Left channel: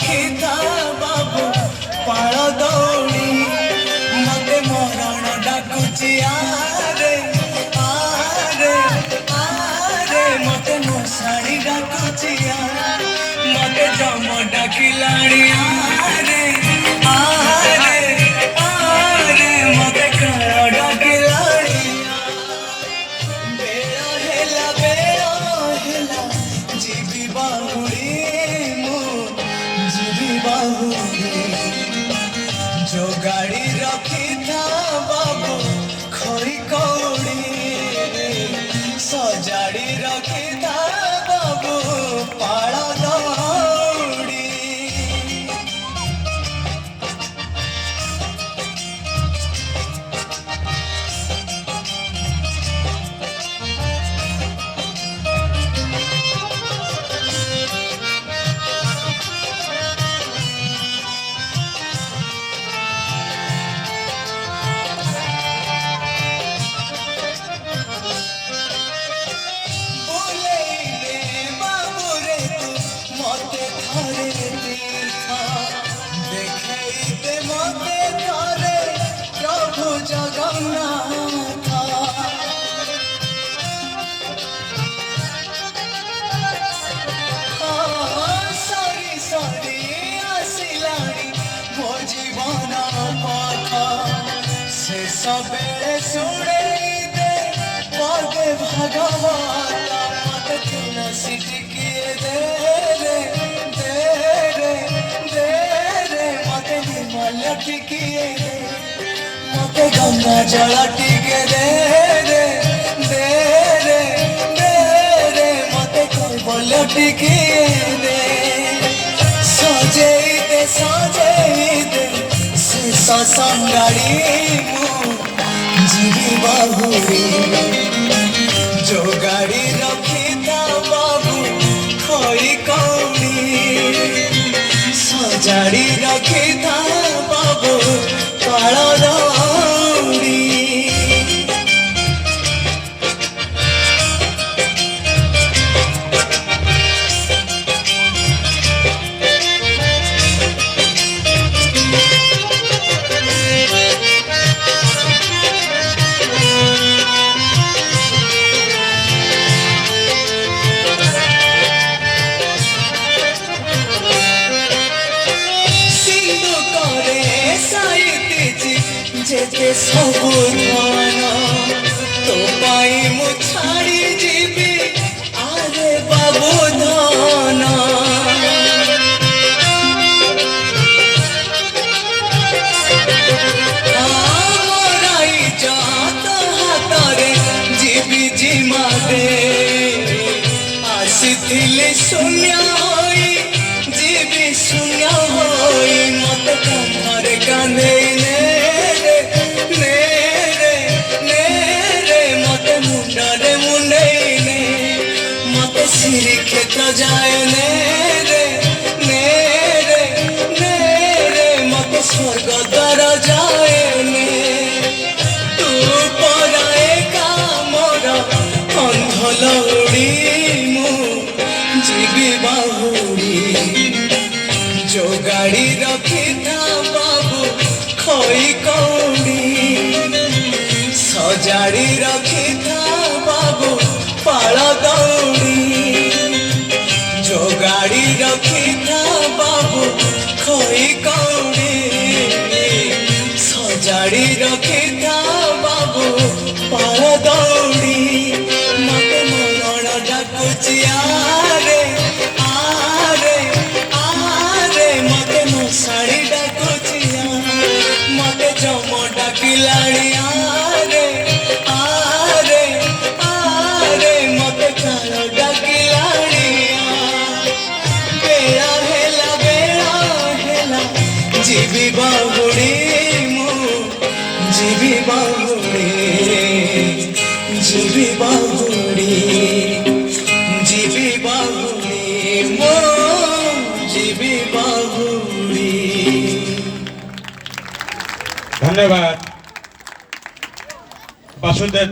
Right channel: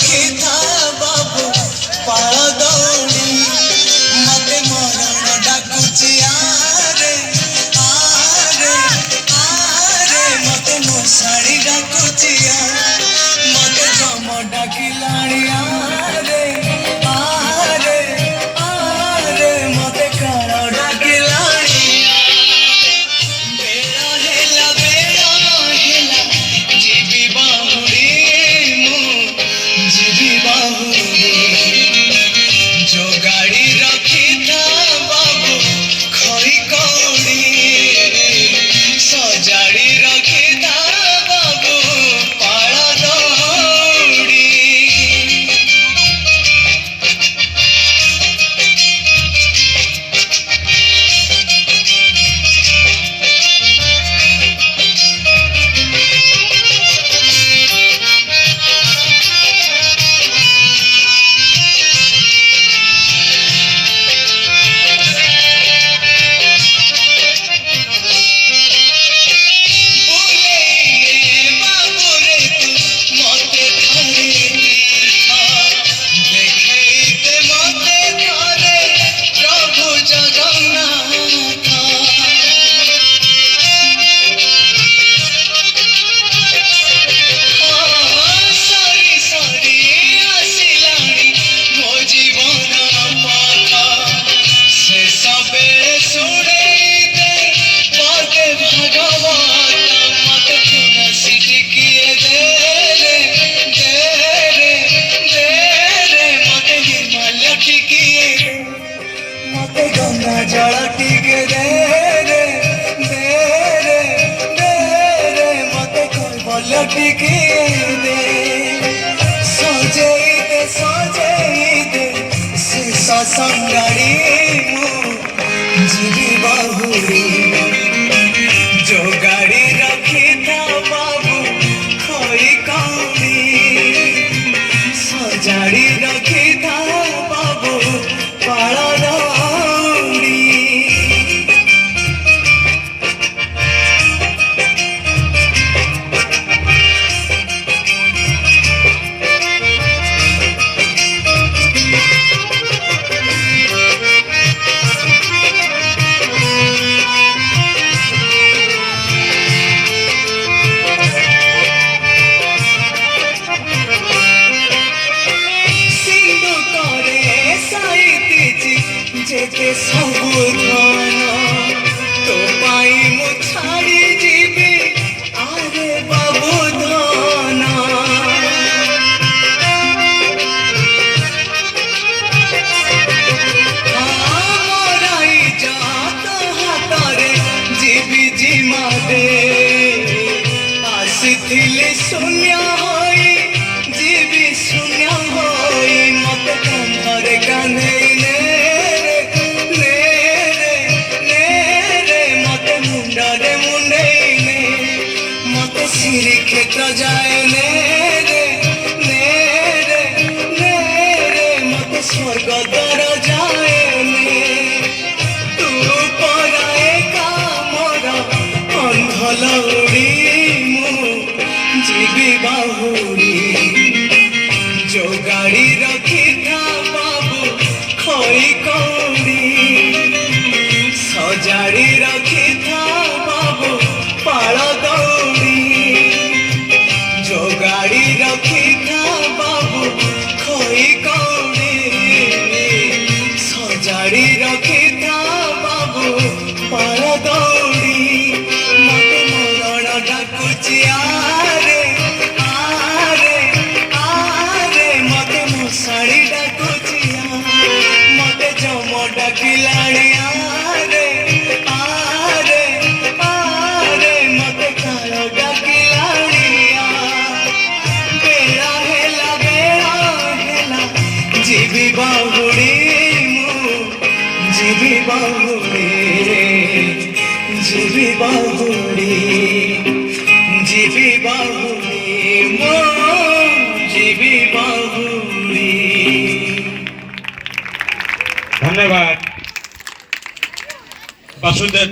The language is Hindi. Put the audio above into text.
रखी था बाबू पाल दौड़ी मते मरण डाकुची आरे आरे आरे मते मशाणी डाकुची मते जम डाकिलाणी आरे आरे आरे मते काल डाकिलाणी बेला हेला जीवी बाहुड़ी जीवी बाहुड़ी जो गाड़ी रखी था बाबू खई कौड़ी सजाड़ी रखी था बाबू पाल दौड़ी गंगा जल टिके दे रे दे रे दे रे मते कोई बोल टिके दे सजेई दे से संगाड़ी जीवी बाहुड़ी जो गाड़ी रखी था बाबू खोई कौड़ी सजाड़ी रखी था बाबू पाल जेते सबु धन तो पाई मु छाड़ी जीवी आरे बाबू धन मोराई जात हातरे जीवी जिमा दे आसीथिले शून्य होई जीवी शून्य होई मते कंधरे कांधे सिरी क्षेत्र जाए ने मत स्वर्ग द्वार जाए तू पराए कामर अंधलौड़ी मु जीवी बाहुड़ी जो गाड़ी रखी था बाबू खई कौड़ी सजाड़ी रखी था बाबू पाल दौड़ी जो गाड़ी रखी था बाबू खई कौड़ी सजाड़ी रखी था बाबू पाल दौड़ी मते मरण डाकुची आरे आरे आरे मते मशाणी डाकुची मते जम डाकिलाणी आरे आरे आरे मते काल डाकिलाणी बेला हेला जीवी बाहुड़ी जीवी बाहुड़ी जीवी बाहुड़ी जीवी बाहुड़ी जीवी बाहुड़ी। धन्यवाद बासुदेव।